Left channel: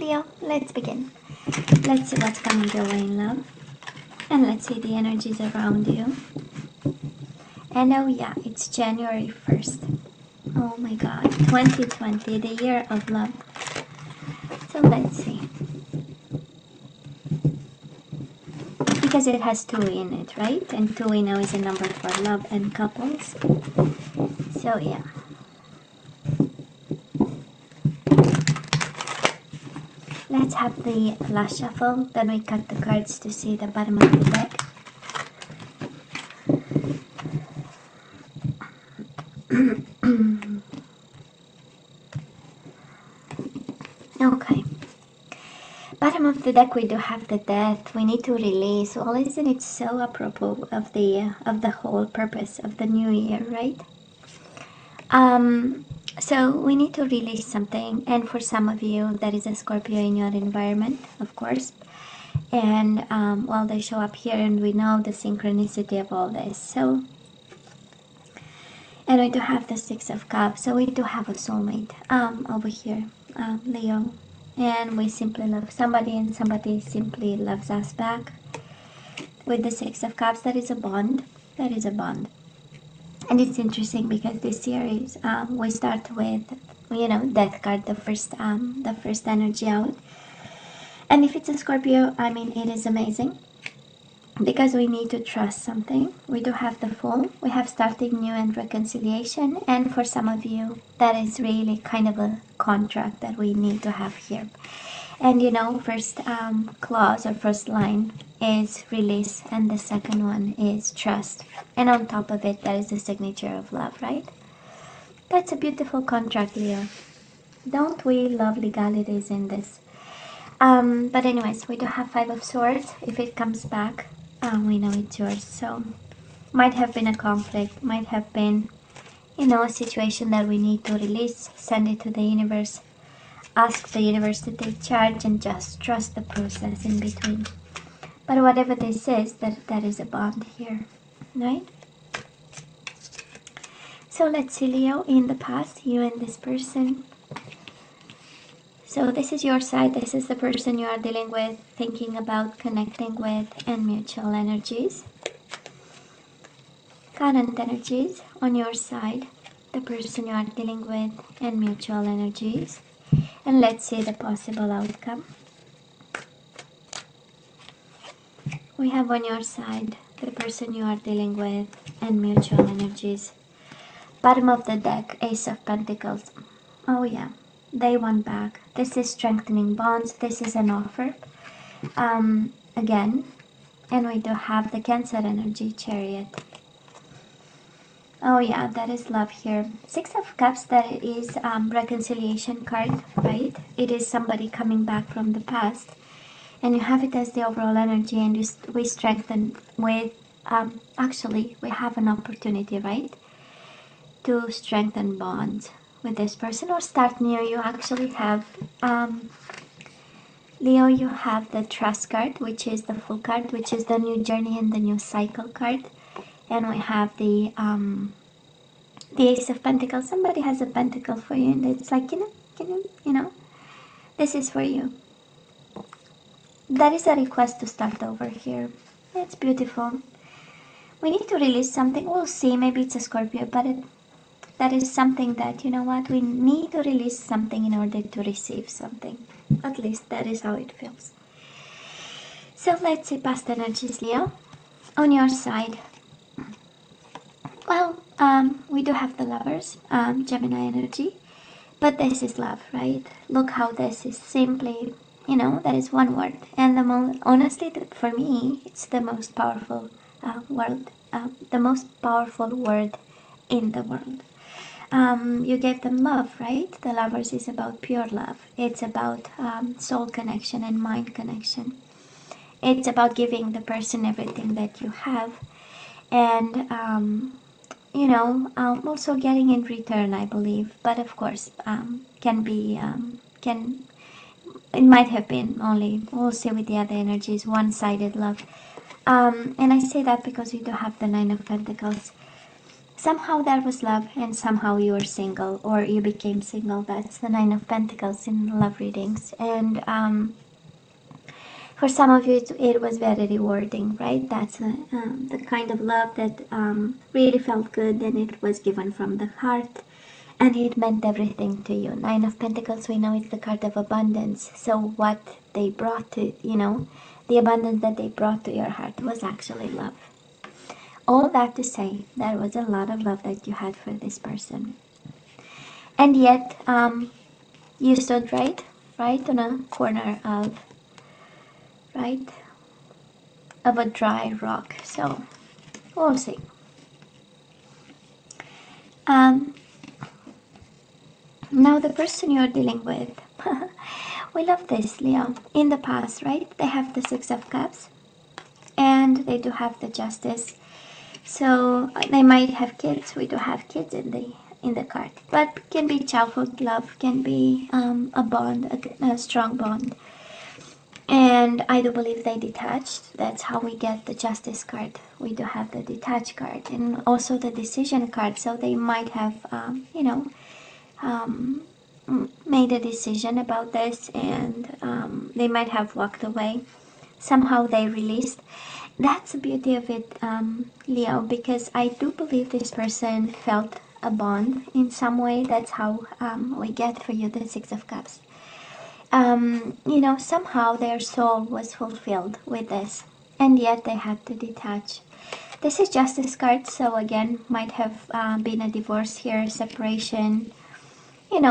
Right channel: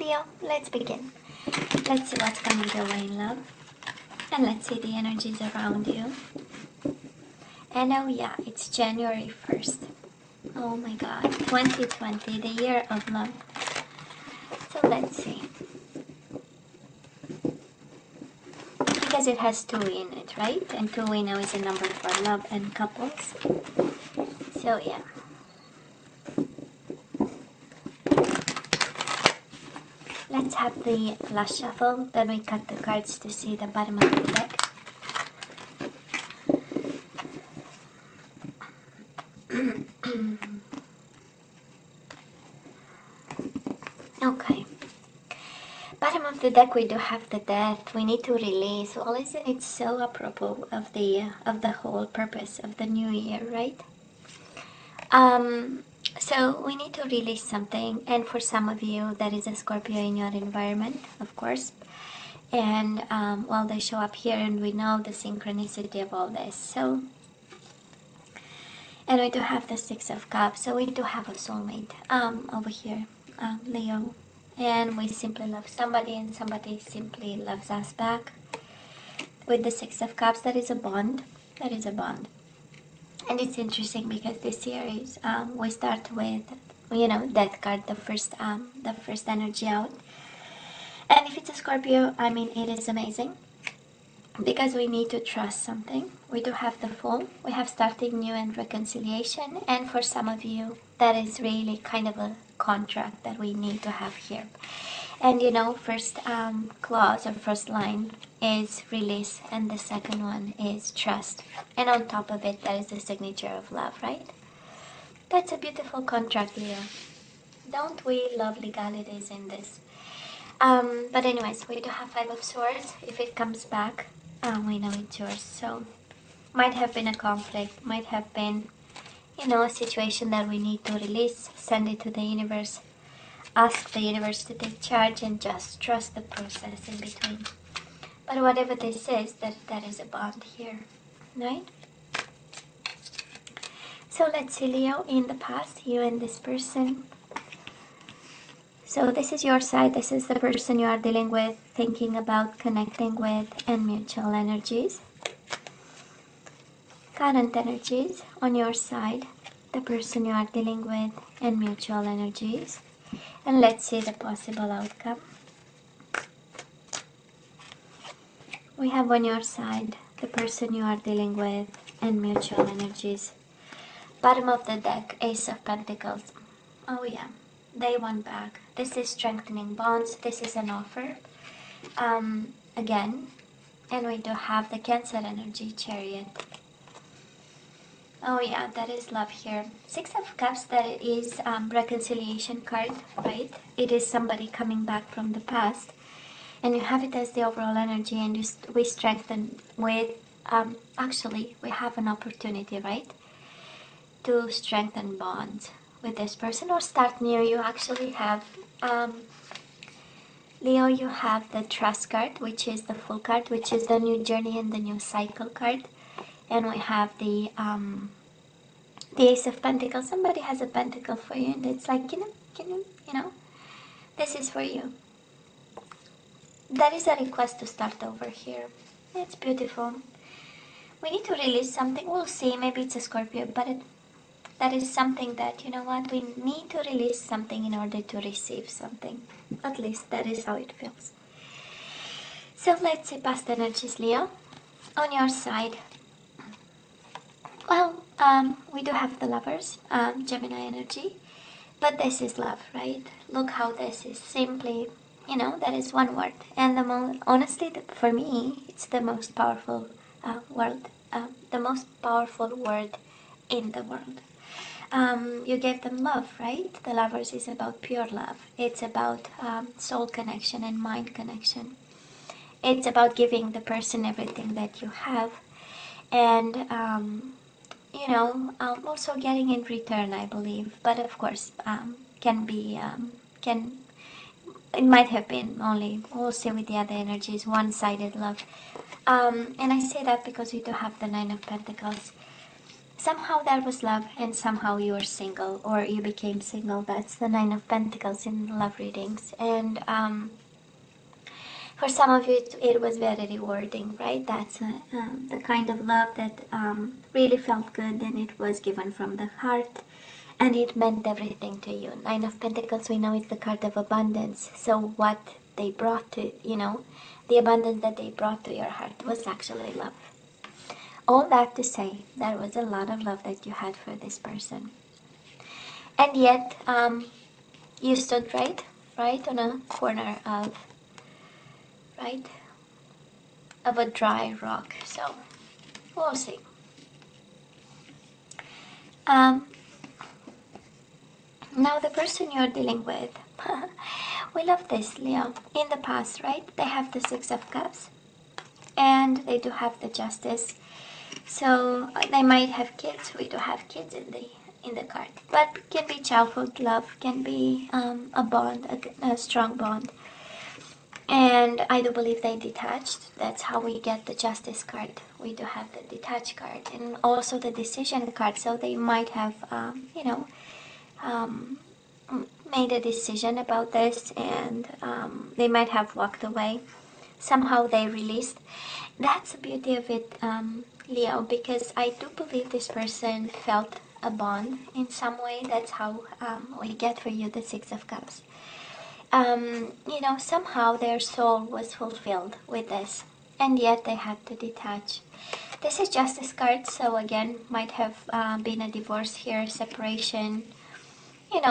Leo, let's begin. Let's see what's coming your way in love. And let's see the energies around you. And oh yeah, it's January 1st. Oh my god, 2020, the year of love. So let's see. Because it has 2 in it, right? And 2 we know is a number for love and couples. So yeah. Let's have the last shuffle, then we cut the cards to see the bottom of the deck. Okay. Bottom of the deck we do have the death. We need to release. Well, isn't it so apropos of the whole purpose of the new year, right? So we need to release something, and for some of you that is a Scorpio in your environment, of course. And well, they show up here, and we know the synchronicity of all this. So, and we do have the 6 of Cups. So we do have a soulmate over here, Leo. And we simply love somebody, and somebody simply loves us back. With the 6 of Cups, that is a bond. That is a bond. And it's interesting because this series, we start with, you know, Death card, the first energy out. And if it's a Scorpio, I mean, it is amazing. Because we need to trust something. We do have the Fool. We have starting new and reconciliation. And for some of you, that is really kind of a contract that we need to have here. And you know, first clause or first line is release, and the second one is trust. And on top of it, there is the signature of love, right? That's a beautiful contract, Leo. Don't we love legalities in this? But anyways, we do have 5 of Swords. If it comes back, we know it's yours. So, might have been a conflict, might have been, you know, a situation that we need to release, send it to the universe. Ask the universe to take charge and just trust the process in between. But whatever this is, that is a bond here, right? So let's see, Leo, in the past, you and this person. So this is your side, this is the person you are dealing with, thinking about, connecting with, and mutual energies. Current energies on your side, the person you are dealing with, and mutual energies. And let's see the possible outcome. We have on your side the person you are dealing with and mutual energies. Bottom of the deck, Ace of Pentacles. Oh yeah, they won back. This is strengthening bonds. This is an offer. Again, and we do have the Cancer energy, Chariot. Oh yeah, that is love here. 6 of Cups, that is reconciliation card, right? It is somebody coming back from the past. And you have it as the overall energy, and we strengthen with, actually, we have an opportunity, right? To strengthen bonds with this person or start new. You actually have, Leo, you have the Trust card, which is the Full card, which is the new journey and the new cycle card. And we have the Ace of Pentacles. Somebody has a pentacle for you, and it's like, you know, this is for you. That is a request to start over here. That's beautiful. We need to release something. We'll see. Maybe it's a Scorpio, but that is something that, you know what, we need to release something in order to receive something. At least that is how it feels. So let's see past energies, Leo. On your side, well, we do have the Lovers, Gemini energy, but this is love, right? Look how this is simply, you know, that is one word. And honestly, for me, it's the most powerful word, the most powerful word in the world. You gave them love, right? The Lovers is about pure love. It's about soul connection and mind connection. It's about giving the person everything that you have, and you know, also getting in return, I believe. But of course, it might have been only, we'll see with the other energies, one-sided love. And I say that because we do have the 9 of Pentacles. somehow there was love and somehow you were single or you became single. That's the Nine of Pentacles in love readings. And for some of you, it was very rewarding, right? That's the kind of love that really felt good, and it was given from the heart, and it meant everything to you. Nine of Pentacles, we know it's the card of abundance. So what they brought to, the abundance that they brought to your heart was actually love. All that to say, there was a lot of love that you had for this person. And yet, you stood right on a corner of a dry rock. So we'll see. Now the person you're dealing with, we love this, Leo. In the past, right? They have the Six of Cups, and they do have the Justice. So they might have kids. We do have kids in the card, but can be childhood love, can be a bond, a strong bond. And I do believe they detached. That's how we get the Justice card. We do have the detached card and also the Decision card. So they might have, made a decision about this, and they might have walked away. Somehow they released. That's the beauty of it, Leo, because I do believe this person felt a bond in some way. That's how we get for you the Six of Cups. Somehow their soul was fulfilled with this, and yet they had to detach. This is Justice card, so again, might have been a divorce here, separation,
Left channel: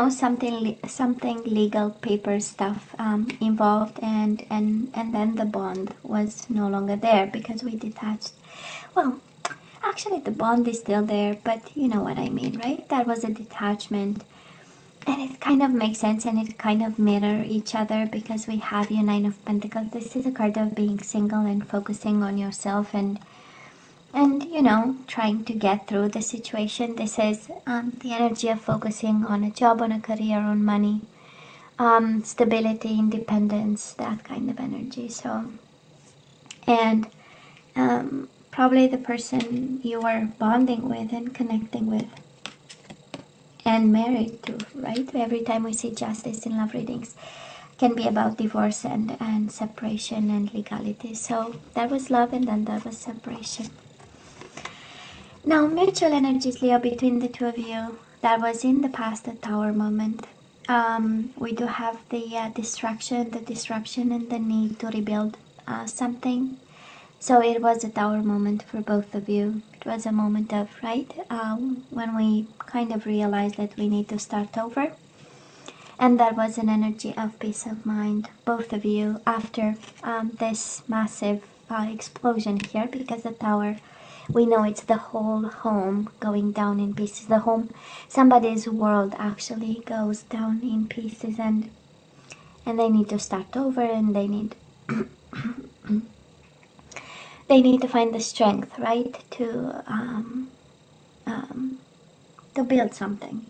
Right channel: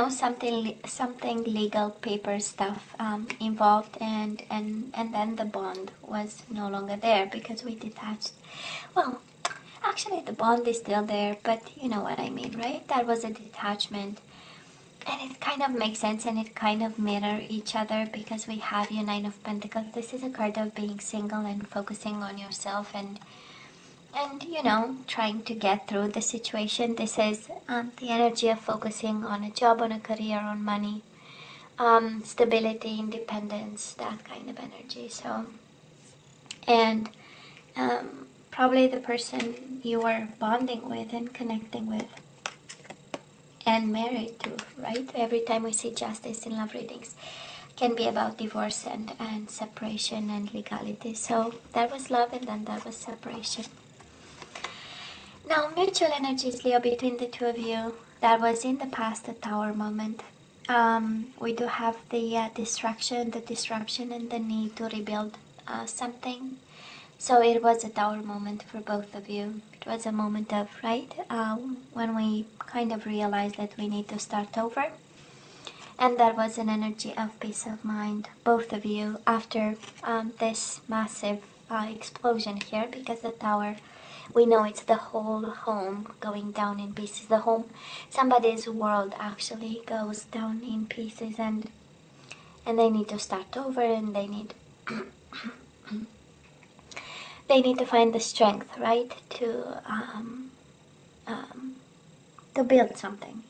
something legal paper stuff involved, and then the bond was no longer there because we detached. Well, actually the bond is still there, but you know what I mean, right? That was a detachment. And it kind of makes sense, and it kind of mirror each other because we have your Nine of Pentacles. This is a card of being single and focusing on yourself and trying to get through the situation. This is the energy of focusing on a job, on a career, on money, stability, independence, that kind of energy. So, and probably the person you were bonding with and connecting with and married to, right? Every time we see Justice in love readings, can be about divorce and separation and legality. So there was love and then there was separation. Now, mutual energies, Leo, between the two of you, that was in the past a Tower moment. We do have the disruption and the need to rebuild something. So it was a Tower moment for both of you. It was a moment of, when we kind of realized that we need to start over. And that was an energy of peace of mind, both of you, after this massive explosion here, because the Tower, we know it's the whole home going down in pieces. The home, somebody's world actually goes down in pieces, and they need to start over, and they need they need to find the strength, right, to build something.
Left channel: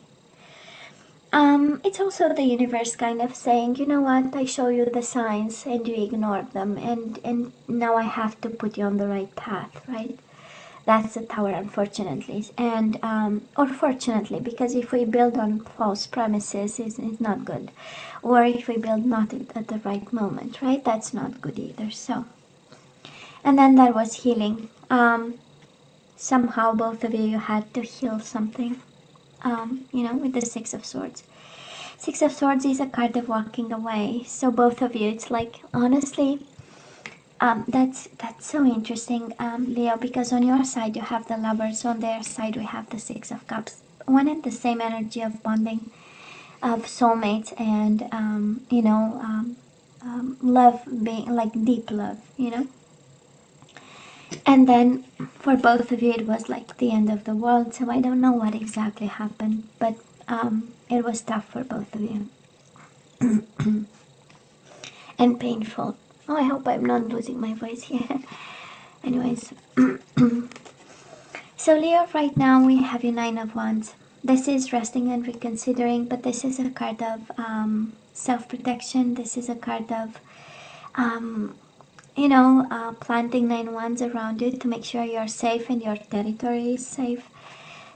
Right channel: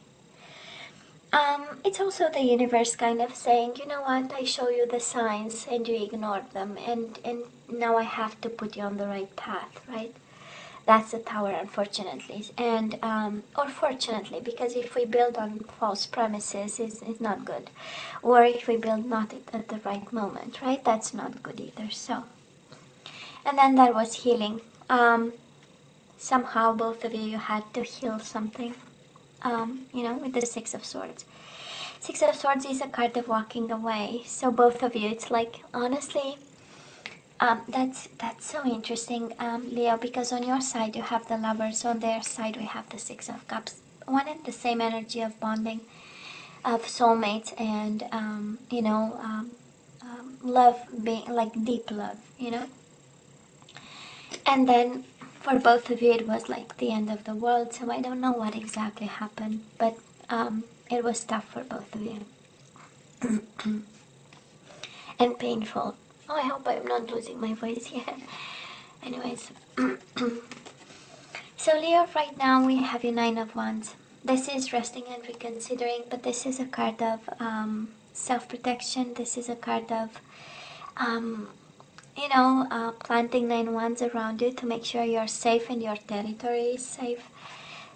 It's also the universe kind of saying, you know what, I show you the signs and you ignore them, and now I have to put you on the right path, right? That's the Tower, unfortunately, and or fortunately, because if we build on false premises, it's not good, or if we build not at the right moment, right? That's not good either. So, and then there was healing. Somehow both of you had to heal something. With the Six of Swords. Six of Swords is a card of walking away. So both of you, it's like, honestly, that's so interesting, Leo, because on your side you have the Lovers, on their side we have the Six of Cups. One and the same energy of bonding, of soulmates, and love, being like deep love, And then for both of you it was like the end of the world, so I don't know what exactly happened, but it was tough for both of you. And painful. Oh, I hope I'm not losing my voice here. Anyways. So Leo, right now we have your Nine of Wands. This is resting and reconsidering, but this is a card of self-protection. This is a card of planting 9 wands around you to make sure you're safe and your territory is safe.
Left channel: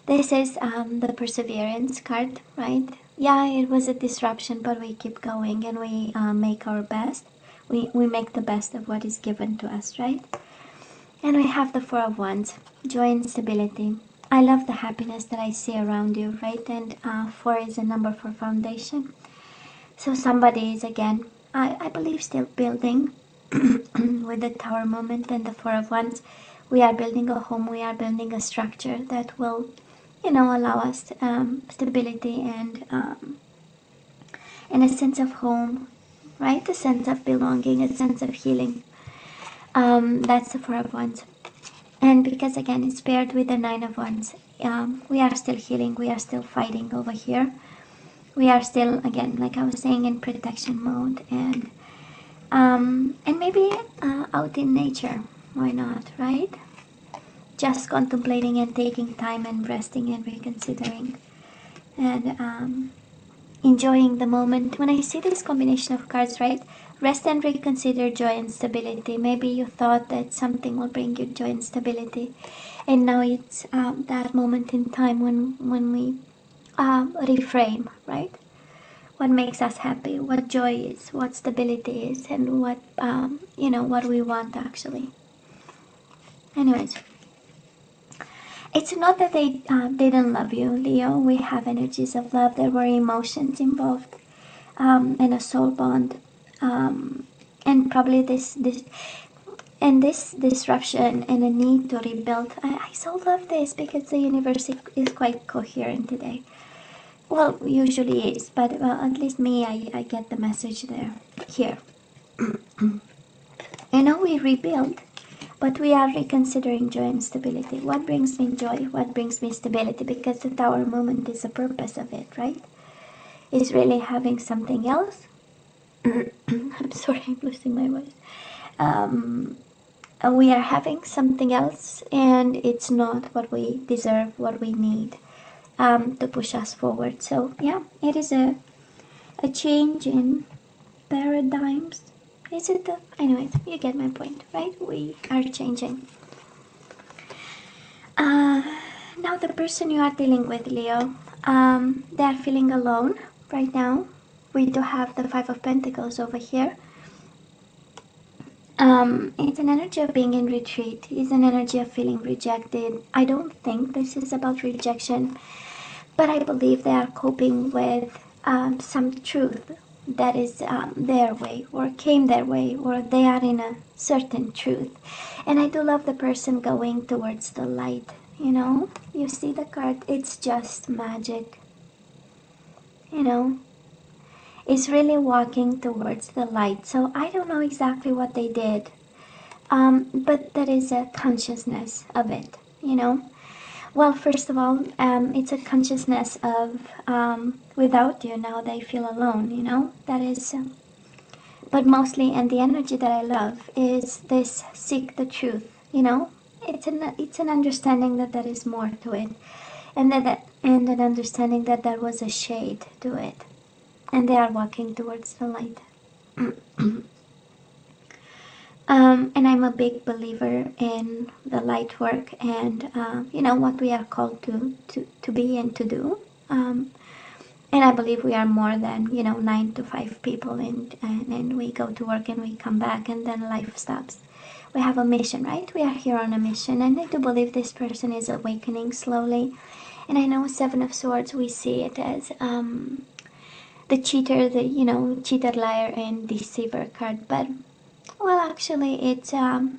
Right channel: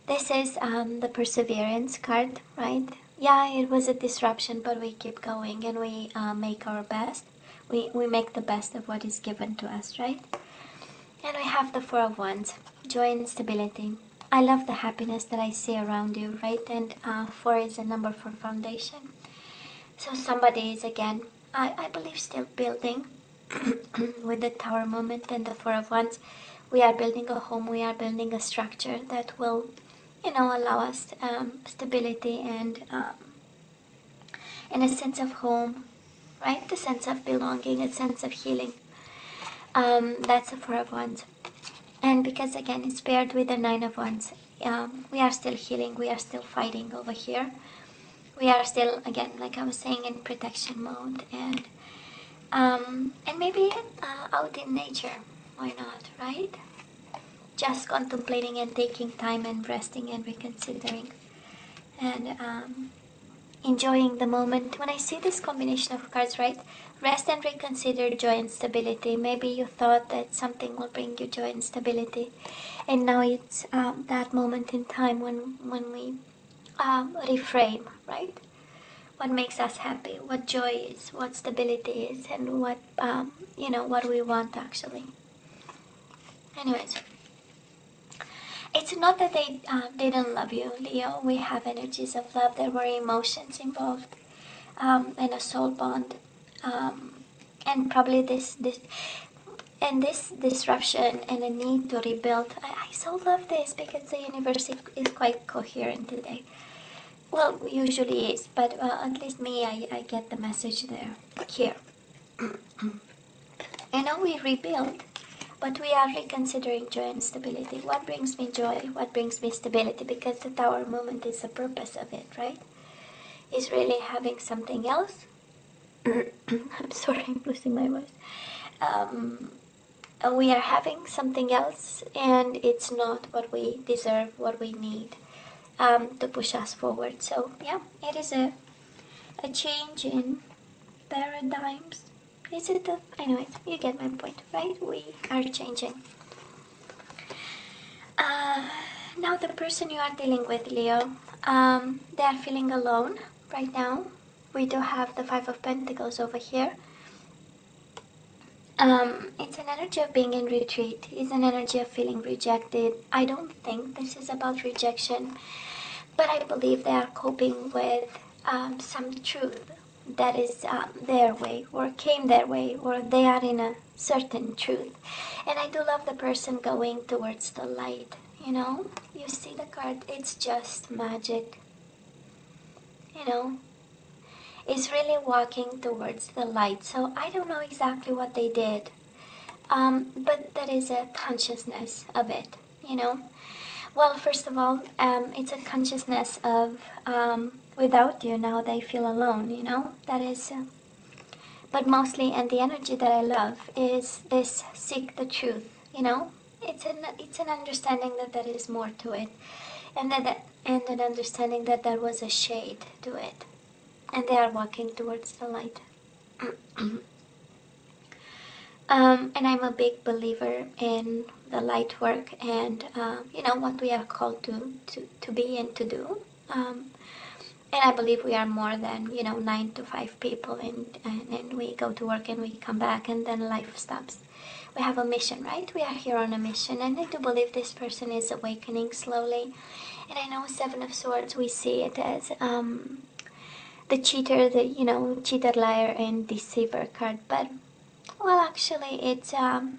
This is the perseverance card, right? Yeah, it was a disruption, but we keep going and we make our best. We make the best of what is given to us, right? And we have the Four of Wands, joy and stability. I love the happiness that I see around you, right? And 4 is a number for foundation. So somebody is, again, I believe, still building with the Tower moment and the Four of Wands. We are building a home, we are building a structure that will, allow us stability and a sense of home, right? A sense of belonging, a sense of healing. That's the Four of Wands. And because, again, it's paired with the Nine of Wands, we are still healing, we are still fighting over here. We are still, again, like I was saying, in protection mode, and maybe out in nature. Why not, right? Just contemplating and taking time and resting and reconsidering and enjoying the moment. When I see this combination of cards, right? Rest and reconsider, joy and stability. Maybe you thought that something will bring you joy and stability, and now it's that moment in time when we reframe, right? What makes us happy, what joy is, what stability is, and what what we want actually. Anyways, it's not that they don't love you, Leo. We have energies of love. There were emotions involved, and a soul bond, and probably this disruption and a need to rebuild. I so love this because the universe is quite coherent today. Well, usually is, but at least me, I get the message there. Here. I know we rebuild, but we are reconsidering joy and stability. What brings me joy? What brings me stability? Because the Tower moment is the purpose of it, right? Is really having something else. I'm sorry, I'm losing my voice. We are having something else, and it's not what we deserve, what we need. To push us forward. So yeah, it is a change in paradigms. Is it the, anyways, you get my point, right? We are changing. Now the person you are dealing with, Leo, they are feeling alone right now. We do have the Five of Pentacles over here. It's an energy of being in retreat. It's an energy of feeling rejected. I don't think this is about rejection, but I believe they are coping with some truth that is their way, or came their way, or they are in a certain truth. And I do love the person going towards the light. You see the card, it's just magic. It's really walking towards the light. So I don't know exactly what they did, but there is a consciousness of it. Well, first of all, it's a consciousness of without you now they feel alone, that is, but mostly, and the energy that I love is this seek the truth, it's an understanding that there is more to it, and and an understanding that there was a shade to it, and they are walking towards the light. And I'm a big believer in the light work and, what we are called to be and to do. And I believe we are more than, 9 to 5 people, and we go to work and we come back and then life stops. We have a mission, right? We are here on a mission, and I do believe this person is awakening slowly. And I know Seven of Swords, we see it as the cheater, cheater, liar, and deceiver card, but well, actually, it's, that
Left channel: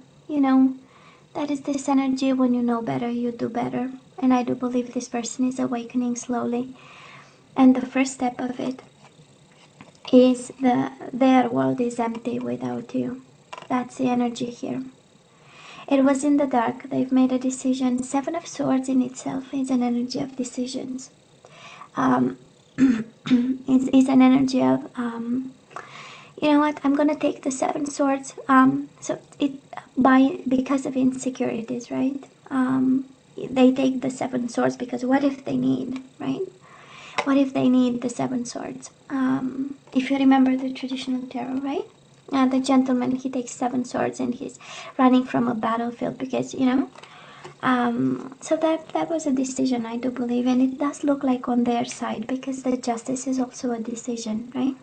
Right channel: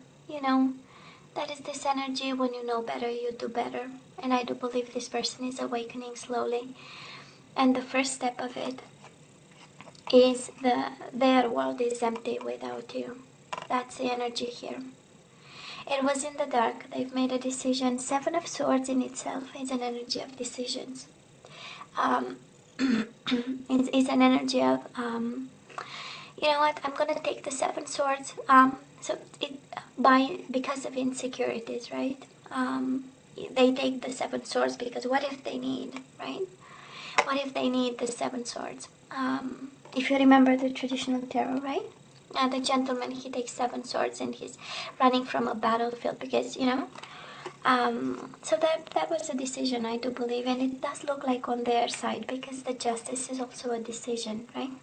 is this energy. When you know better, you do better. And I do believe this person is awakening slowly. And the first step of it is their world is empty without you. That's the energy here. It was in the dark. They've made a decision. Seven of Swords in itself is an energy of decisions. Is an energy of, you know what, I'm gonna take the Seven Swords. So because of insecurities, right? They take the Seven Swords because what if they need, right? What if they need the Seven Swords? If you remember the traditional tarot, right? The gentleman, he takes 7 swords and he's running from a battlefield because, So that was a decision, I do believe, and it does look like on their side, because the justice is also a decision, right?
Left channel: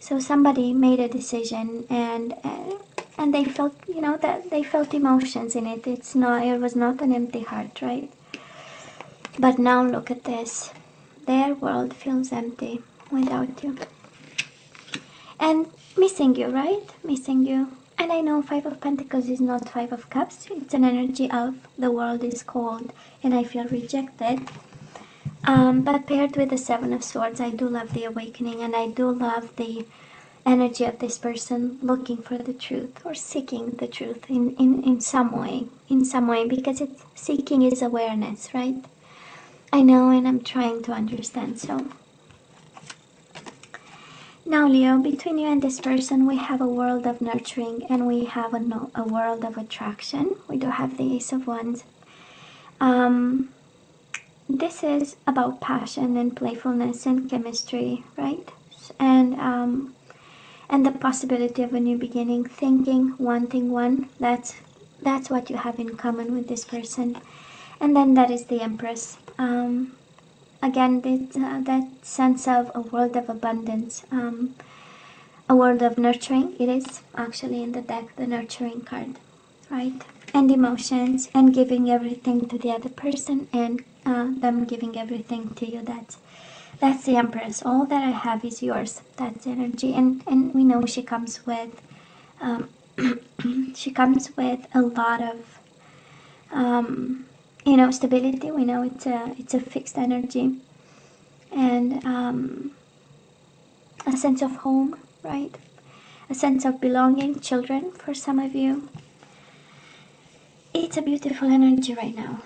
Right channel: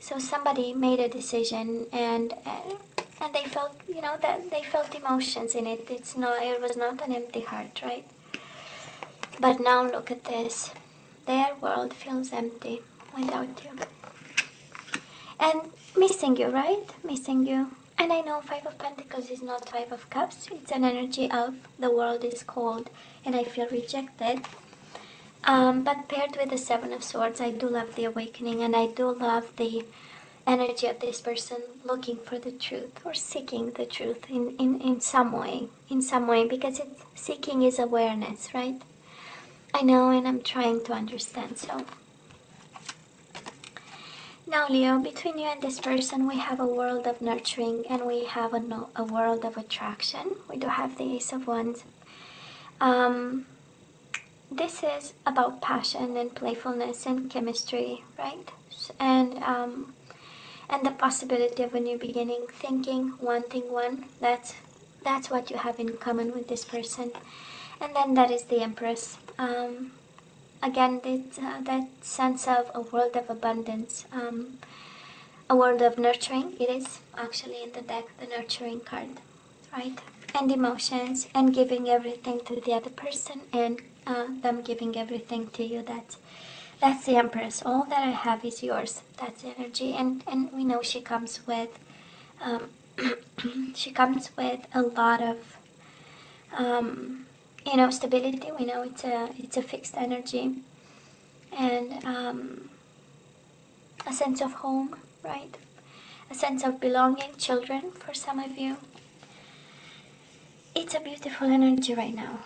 So somebody made a decision, and they felt, that they felt emotions in it. It was not an empty heart, right? But now look at this. Their world feels empty without you. And missing you, right? Missing you. And I know Five of Pentacles is not Five of Cups. It's an energy of the world is cold and I feel rejected. But paired with the Seven of Swords, I do love the awakening, and I do love the energy of this person looking for the truth or seeking the truth in some way. In some way, because seeking is awareness, right? I know, and I'm trying to understand. So now, Leo, between you and this person, we have a world of nurturing, and we have a world of attraction. We do have the Ace of Wands. This is about passion and playfulness and chemistry, right? And the possibility of a new beginning, thinking, wanting one. That's what you have in common with this person. And then that is the Empress. Again, that sense of a world of abundance, a world of nurturing. It is actually in the deck, the nurturing card, right? And emotions, and giving everything to the other person, and them giving everything to you. That's the Empress. All that I have is yours. That's energy, and we know she comes with she comes with a lot of stability. We know it's a fixed energy, and a sense of home, right? A sense of belonging, children for some of you. It's a beautiful energy right now.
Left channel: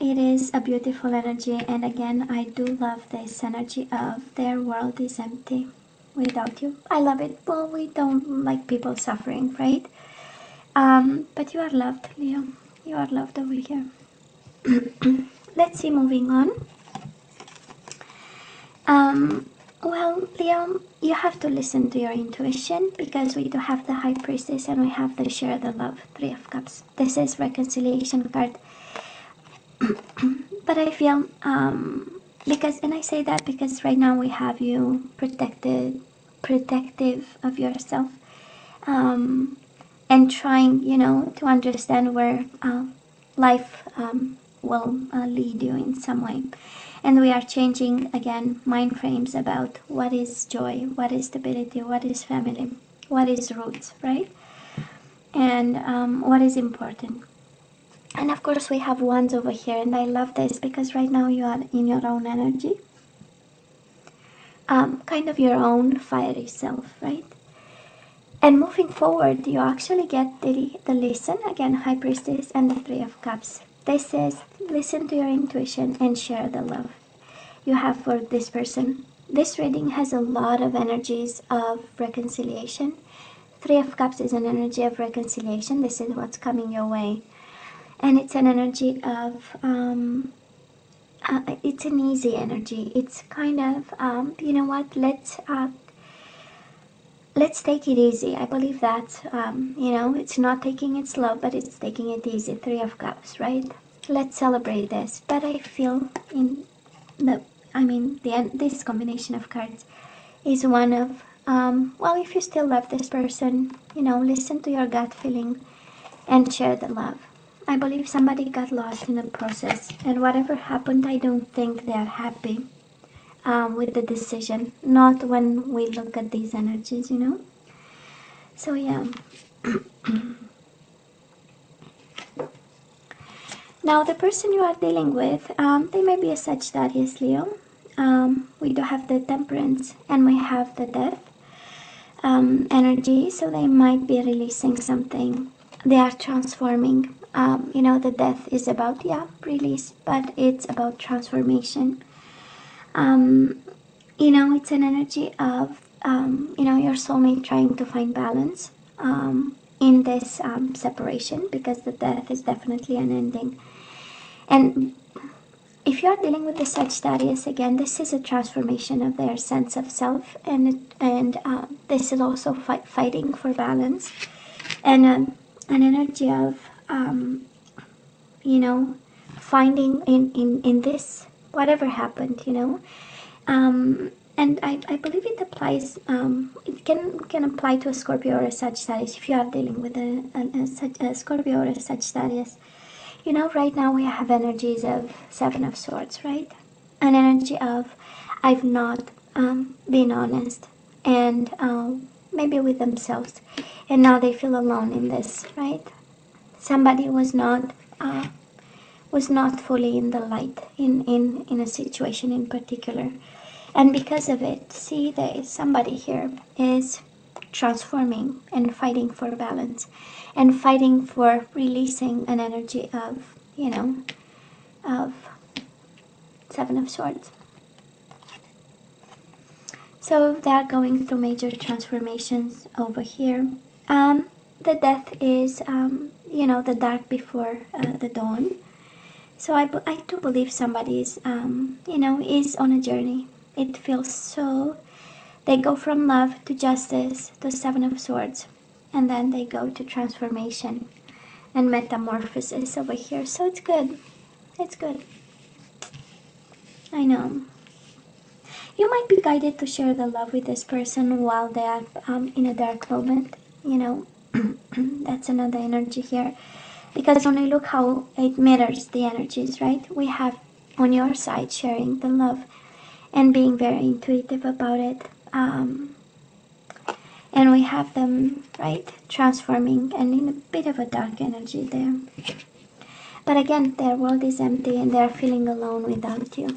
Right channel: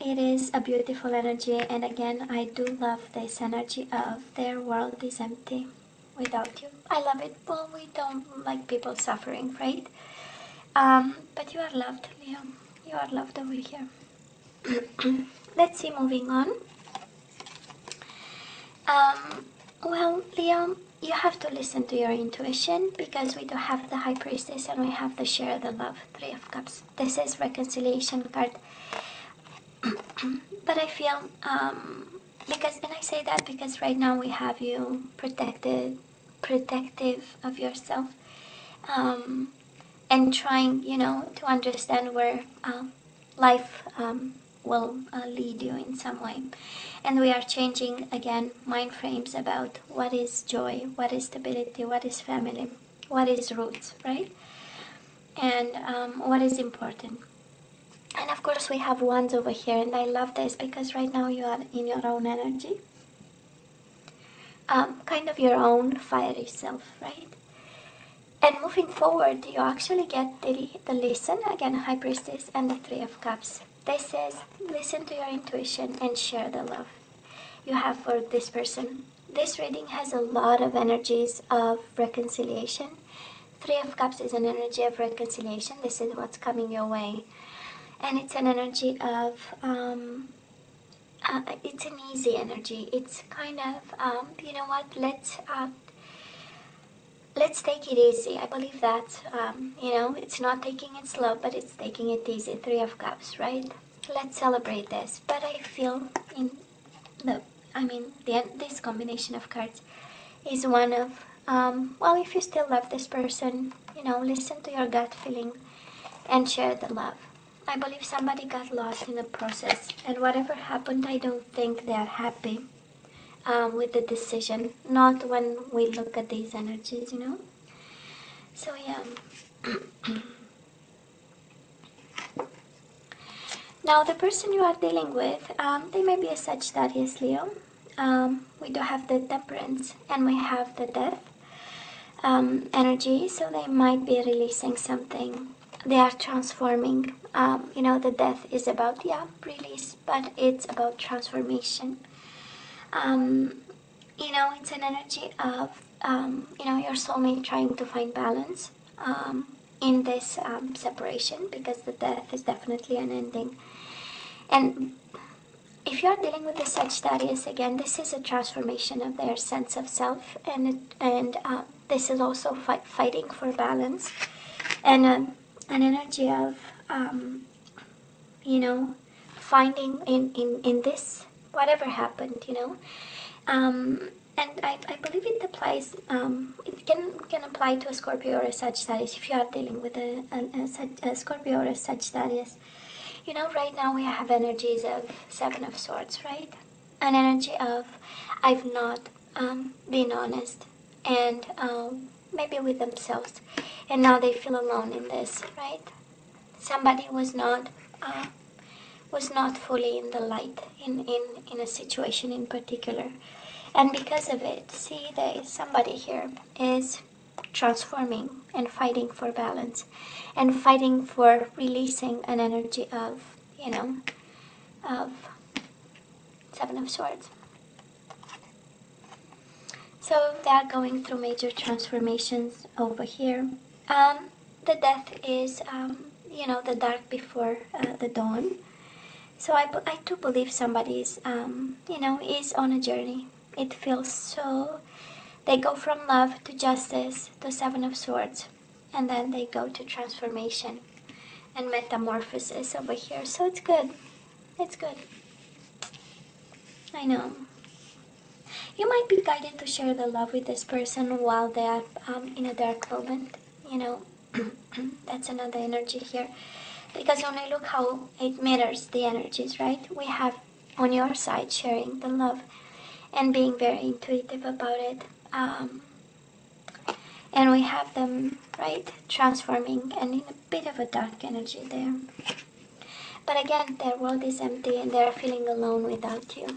It is a beautiful energy, and again, I do love this energy of their world is empty without you. I love it. Well, we don't like people suffering, right? But you are loved, Leo. You are loved over here. Let's see, moving on. Well, Leo, you have to listen to your intuition, because we do have the High Priestess and we have the Share the Love, Three of Cups. This is reconciliation card. But I feel, and I say that because right now we have you protective of yourself, and trying, to understand where life will lead you in some way. And we are changing, again, mind frames about what is joy, what is stability, what is family, what is roots, right? And what is important. And of course we have Wands over here, and I love this because right now you are in your own energy. Kind of your own fiery self, right? And moving forward, you actually get the listen, again, High Priestess and the Three of Cups. This is listen to your intuition and share the love you have for this person. This reading has a lot of energies of reconciliation. Three of Cups is an energy of reconciliation. This is what's coming your way. And it's an energy of, it's an easy energy. It's kind of, you know what, let's take it easy. I believe that, it's not taking it slow, but it's taking it easy. Three of Cups, right? Let's celebrate this. But I feel this combination of cards is one of, well, if you still love this person, listen to your gut feeling and share the love. I believe somebody got lost in the process, and whatever happened, I don't think they're happy with the decision. Not when we look at these energies, So yeah. Now the person you are dealing with, they may be a Sagittarius, Leo. We do have the Temperance and we have the Death energy, so they might be releasing something. They are transforming. The Death is about, release, but it's about transformation. It's an energy of, your soulmate trying to find balance in this separation, because the Death is definitely an ending. And if you are dealing with the Sagittarius, again, this is a transformation of their sense of self, and this is also fighting for balance, and an energy of you know, finding in this, whatever happened, you know. And I believe it applies, it can apply to a Scorpio or a Sagittarius if you are dealing with a Scorpio or a Sagittarius. You know, right now we have energies of Seven of Swords, right? An energy of I've not been honest, and maybe with themselves, and now they feel alone in this, right? Somebody was not fully in the light in a situation in particular, and because of it, see, somebody here is transforming and fighting for balance and fighting for releasing an energy of, you know, of Seven of Swords. So they're going through major transformations over here. The death is, you know, the dark before the dawn. So I do believe somebody's, you know, is on a journey. It feels so, they go from love to justice to Seven of Swords, and then they go to transformation and metamorphosis over here. So it's good. It's good. I know. You might be guided to share the love with this person while they are in a dark moment, you know. That's another energy here. Because when we look how it mirrors the energies, right? We have on your side sharing the love and being very intuitive about it. And we have them, right, transforming and in a bit of a dark energy there. But again, their world is empty and they are feeling alone without you.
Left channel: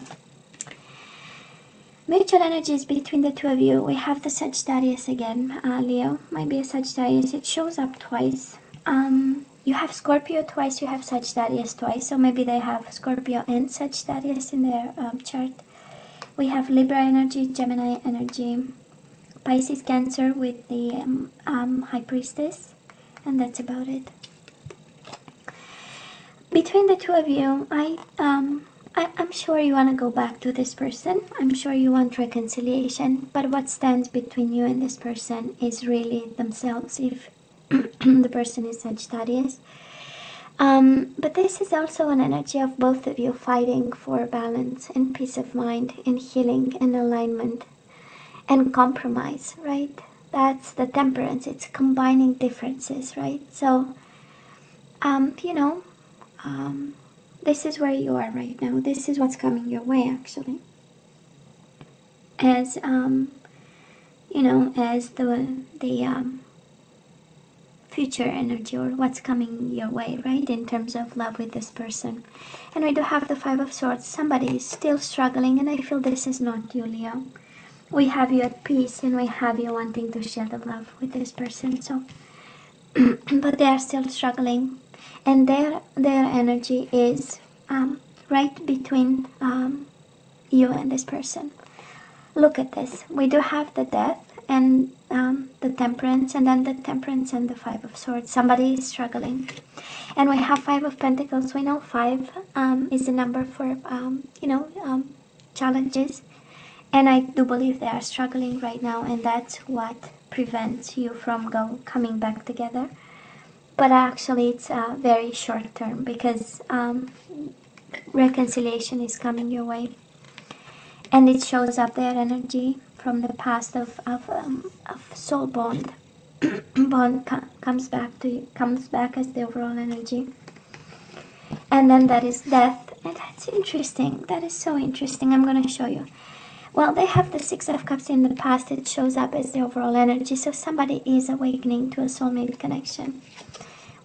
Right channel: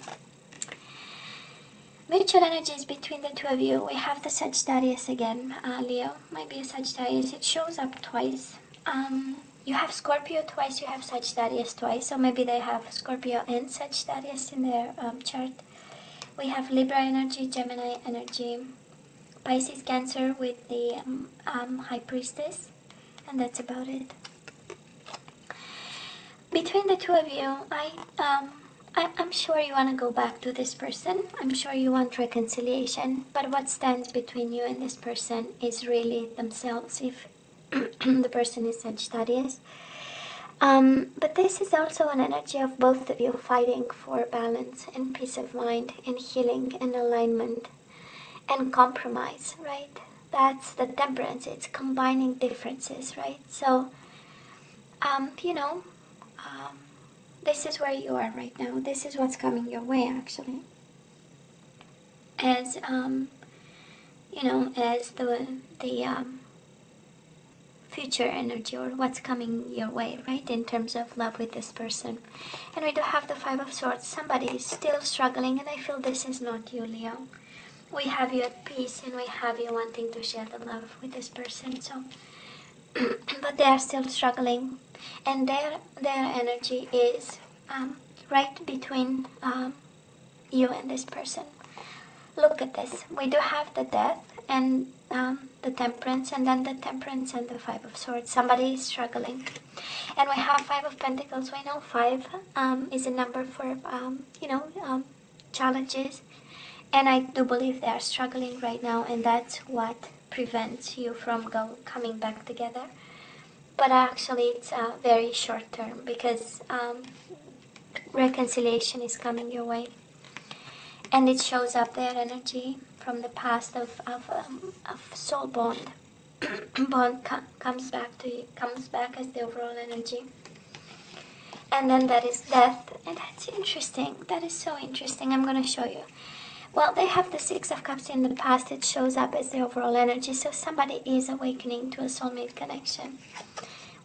Mutual energies between the two of you. We have the Sagittarius again. Leo might be a Sagittarius. It shows up twice. You have Scorpio twice, you have Sagittarius twice. So maybe they have Scorpio and Sagittarius in their chart. We have Libra energy, Gemini energy, Pisces, Cancer with the High Priestess. And that's about it. Between the two of you, I'm sure you want to go back to this person. I'm sure you want reconciliation. But what stands between you and this person is really themselves, if the person is Sagittarius. But this is also an energy of both of you fighting for balance and peace of mind and healing and alignment and compromise, right? That's the temperance. It's combining differences, right? So, you know, this is where you are right now. This is what's coming your way, actually. As, you know, as the future energy, or what's coming your way, right, in terms of love with this person. And we do have the Five of Swords. Somebody is still struggling, and I feel this is not you, Leo. We have you at peace, and we have you wanting to share the love with this person. So, but they are still struggling, and their energy is right between you and this person. Look at this. We do have the Death and the Temperance, and then the Temperance and the Five of Swords. Somebody is struggling. And we have Five of Pentacles. So I know 5 is a number for, you know, challenges. And I do believe they are struggling right now, and that's what prevents you from coming back together. But actually it's very short term, because reconciliation is coming your way. And it shows up their energy from the past of soul bond. Comes back to you, comes back as the overall energy. And then that is Death. And that's interesting. That is so interesting. I'm going to show you. Well, they have the Six of Cups in the past. It shows up as the overall energy. So somebody is awakening to a soulmate connection.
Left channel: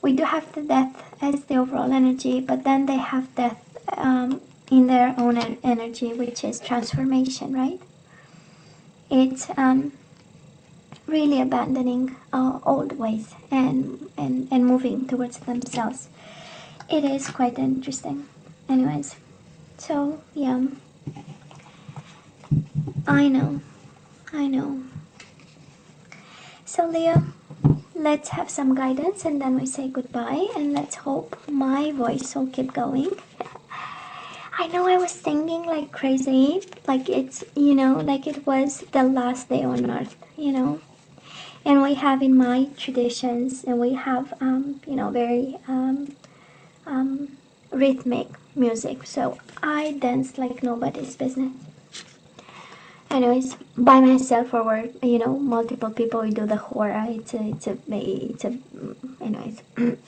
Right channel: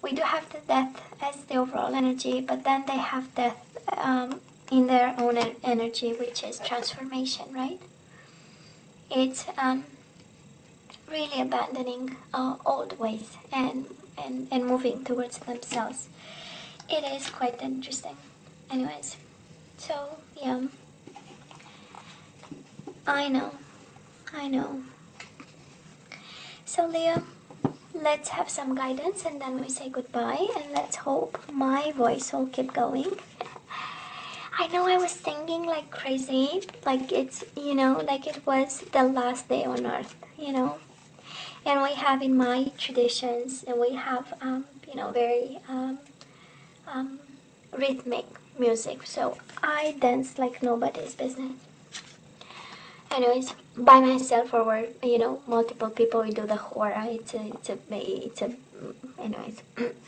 We do have the Death as the overall energy, but then they have Death in their own energy, which is transformation, right? It's really abandoning old ways and moving towards themselves. It is quite interesting. Anyways, so yeah, I know. So Leo, let's have some guidance and then we say goodbye, and let's hope my voice will keep going. I know I was singing like crazy, like it's, you know, like it was the last day on earth, you know. And we have in my traditions, and we have, you know, very rhythmic music. So I dance like nobody's business. Anyways, by myself or with, multiple people, we do the hora. Anyways,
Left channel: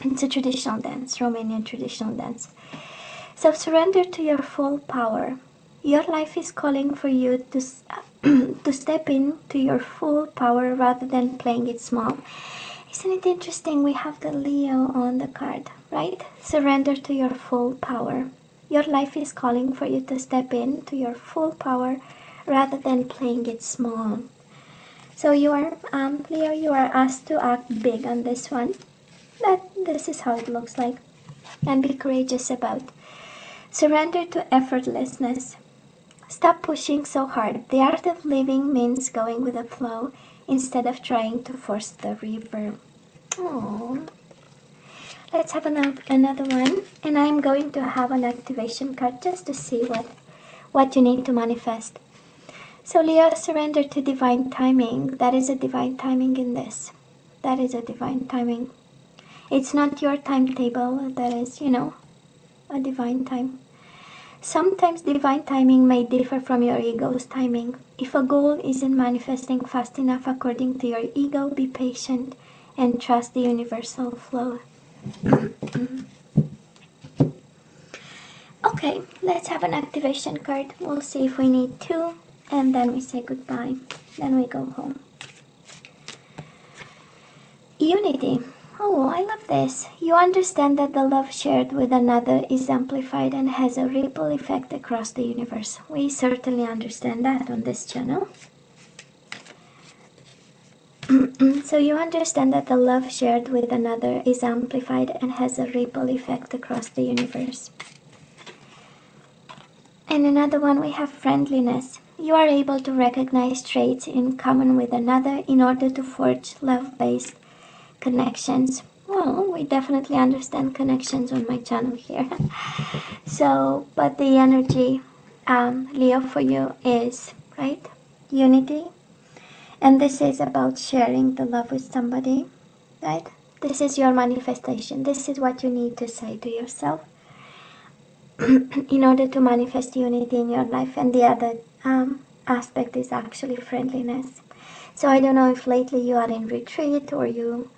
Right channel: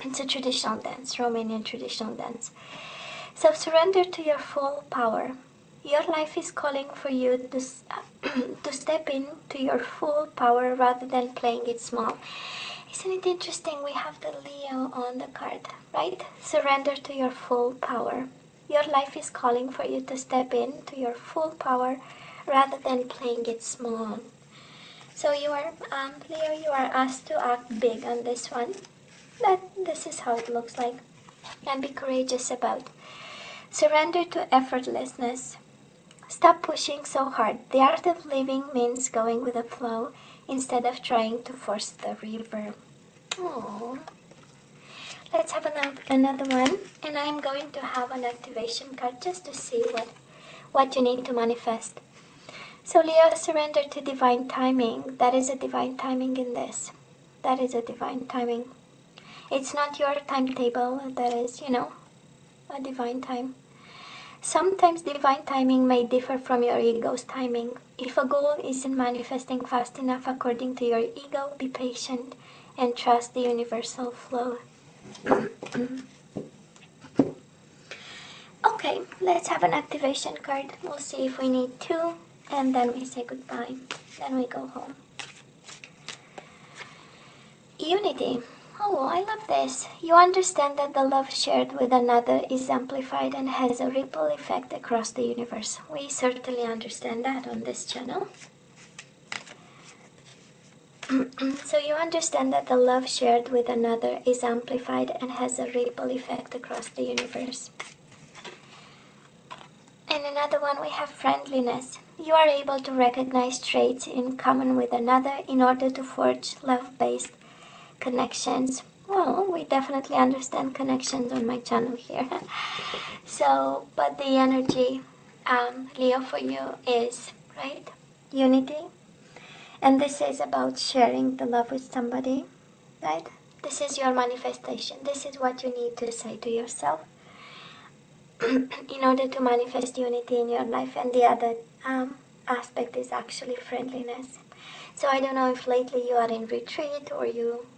it's a traditional dance, Romanian traditional dance. So surrender to your full power. Your life is calling for you to step into your full power rather than playing it small. Isn't it interesting? We have the Leo on the card, right? Surrender to your full power. Your life is calling for you to step into your full power rather than playing it small. So you are, Leo, you are asked to act big on this one. But this is how it looks like. And be courageous about it. Surrender to effortlessness. Stop pushing so hard. The art of living means going with the flow instead of trying to force the river. Oh. Let's have another one. And I'm going to have an activation card just to see what you need to manifest. So Leo, surrender to divine timing. That is a divine timing in this. That is a divine timing. It's not your timetable. That is, a divine time. Sometimes divine timing may differ from your ego's timing. If a goal isn't manifesting fast enough according to your ego, be patient and trust the universal flow. Okay, let's have an activation card. We'll see if we need two, and then we say goodbye. Then we go home. Unity. Oh, I love this. You understand that the love shared with another is amplified and has a ripple effect across the universe. We certainly understand that on this channel. So you understand that the love shared with another is amplified and has a ripple effect across the universe. And another one, we have friendliness. You are able to recognize traits in common with another in order to forge love-based connections. Well, we definitely understand connections on my channel here. So, but the energy, Leo, for you is, right, unity. And this is about sharing the love with somebody, right? This is your manifestation. This is what you need to say to yourself in order to manifest unity in your life. And the other aspect is actually friendliness. So I don't know if lately you are in retreat or you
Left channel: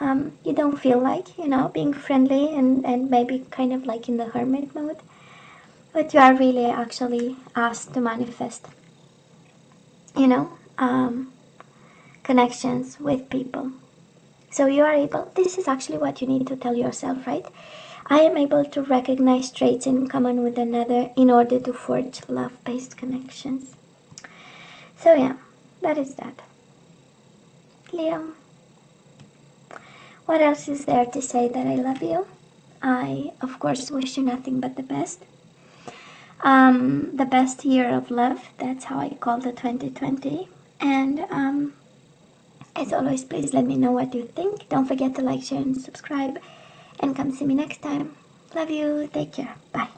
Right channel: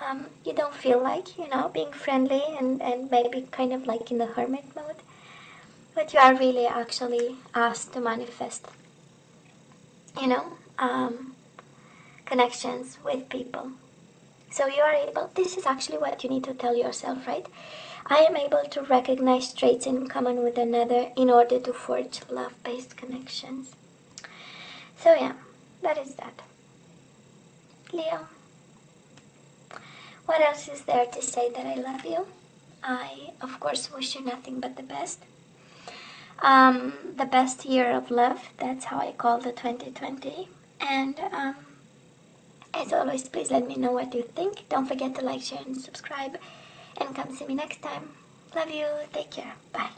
don't feel like, being friendly and maybe kind of like in the hermit mode. But you are really actually asked to manifest, connections with people. So you are able, this is actually what you need to tell yourself, right? I am able to recognize traits in common with another in order to forge love-based connections. So yeah, that is that. Leo. What else is there to say that I love you? I, of course, wish you nothing but the best. The best year of love, that's how I call the 2020. And as always, please let me know what you think. Don't forget to like, share, and subscribe. And come see me next time. Love you. Take care. Bye.